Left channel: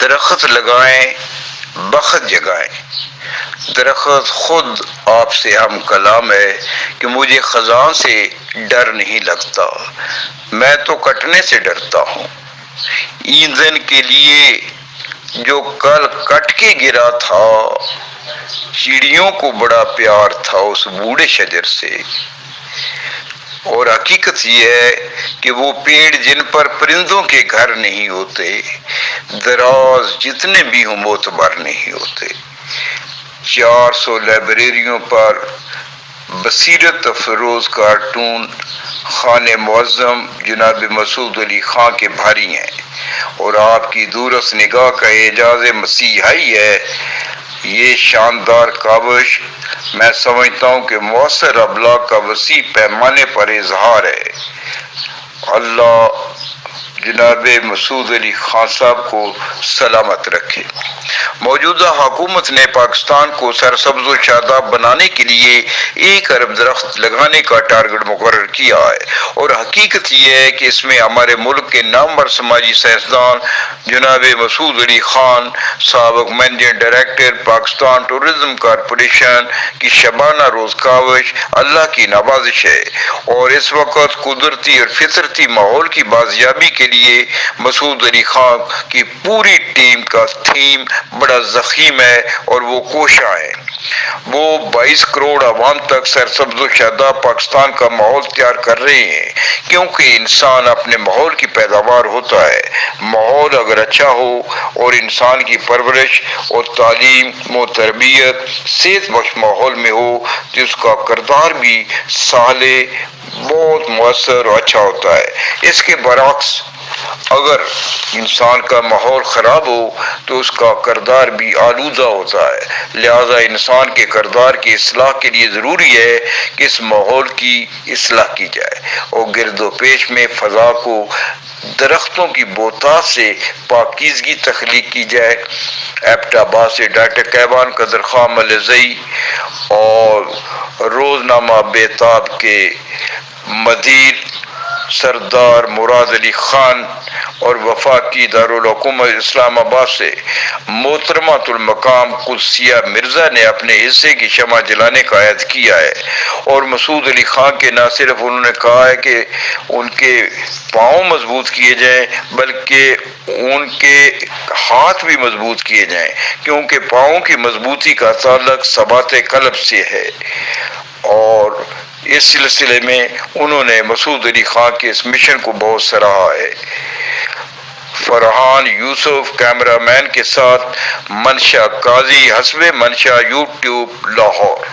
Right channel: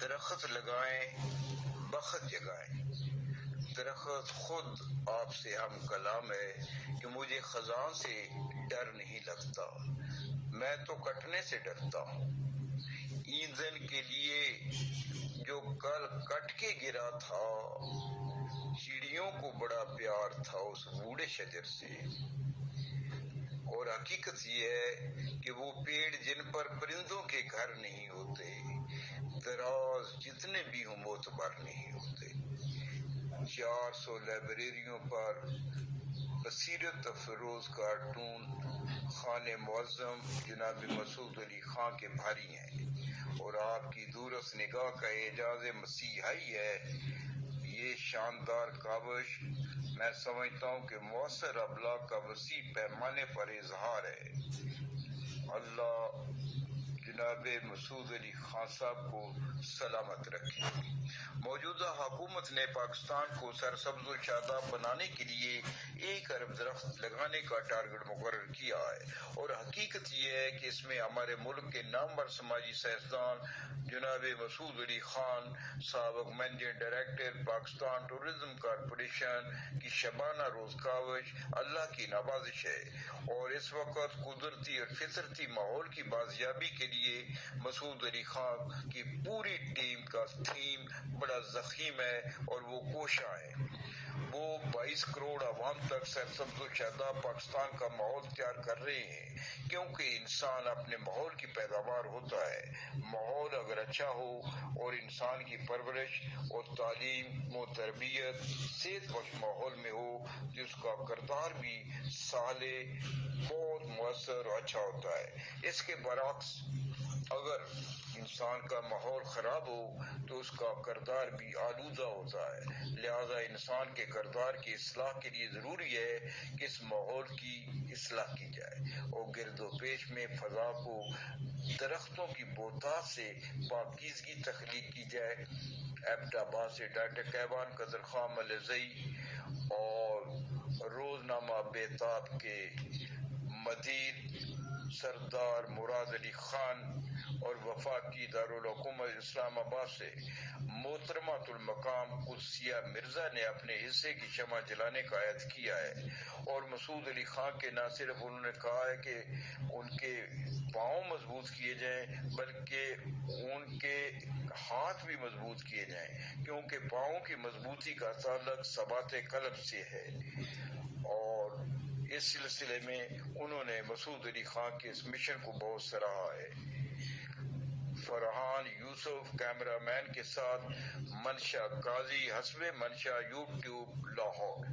درخت لگائیں، بخت جگائیں۔ درخت خود آپ سے ہم کلام ہے کہ مجھے خزاں سے ڈر نہیں لگتا، میں تو کٹنے سے ڈرتا ہوں۔ ایندھن کے لیے جو کل کٹ کے گرا تھا، چڑیوں کو بڑا پیار تھا اس بوڑھے شجر سے۔ اور حقیقت یہ ہے کہ وہ پیڑ جن پر پرندوں کے گھر نہیں ہوتے، دراز جتنے بھی ہوں معتبر نہیں ہوتے۔ 400 لائبریریوں پر بصیرت افروز کارٹون خان معظم جناب مسعود علی خان کے بھاری ہیں، اور آپ کی دورس نگاہ کا اعجاز مسیحائی ہے۔ یہ شاندار کاوش میں سمجھتا ہوں کہ مؤثر ابلاغ کا وسیع پیمانے پر اظہار ہے۔ اللہ جناب مسعود علی خان صاحب کو سلامت رکھے۔ موجودہ حکومت نے پاکستان کو سرسبز و شاداب بنانے کے لیے 1 ارب درخت لگانے کا ٹارگٹ مقرر کیا ہے، اور حقیقت یہ ہے کہ اس میں ہمارے ملک کے نامور سماجی سائنسدان جناب مسعود علی خان سابق managing director Pakistan tourism corporation کی شبانہ روز کاوش اللہ کی نوازش ہے، اور اس وقت قدرتی اور فطرتی ماحول کی بازیابی کے لیے مسعود علی خان کی پوری ٹیم کا تھیم بڑا ضخیم ہے، اور وہ کوشاں ہیں۔ وہ 22 کروڑ عوام تک سرسبز و شاداب پاکستان کا ماحول تیار کر رہے ہیں، کیونکہ انسان اپنے ماحول کی پیداوار ہوتا ہے۔ ماحول اگر اچھا ہو اور انسان کی پرورش اور تعلیم و تربیت صحت بخش ماحول میں ہو تو اس کا کردار بھی صالح، بہت مؤثر اور اچھا ہوتا ہے۔ اس کے برعکس اگر انسان کا ماحول خراب ہو تو اس کا کردار بھی آلودہ ہوتا ہے۔ لہذا انسان کے کردار کی اصلاح کے لیے ضروری ہے کہ اس ماحول کی اصلاح کی جائے، اور گرد و پیش میں فضا کو درختوں کی بوتات سے پاکیزگی تخلیق کی جائے۔ ایبٹ آباد سے ڈاکٹر کیوان قدر خان ملزئی اور روزنامہ بیتاب کے مدیر سردار مراد علی خان اور وفاقی دارالحکومت اسلام آباد سے محترمۃ المقام قدسیہ مرزا نے اپنے حصے کی شمع جلانے کا عہد کیا ہے، اور مسعود علی خان کے نہ صرف انہوں نے کہا ہے کہ ان کے پاؤں مضبوط کیے جائیں بلکہ ان کے ہاتھ بھی مضبوط کیے جائیں، کیونکہ پاؤں کی مضبوطی کا تعلق ثبات قلب سے ہے۔ اور اس سلسلے میں انہوں نے مسعود علی خان کے اس مشن کو بہت سراہا ہے۔ فرحان یوسف کیمرہ مین کے ساتھ منشا قاضی، حسب منشا، یوٹیوب، لاہور۔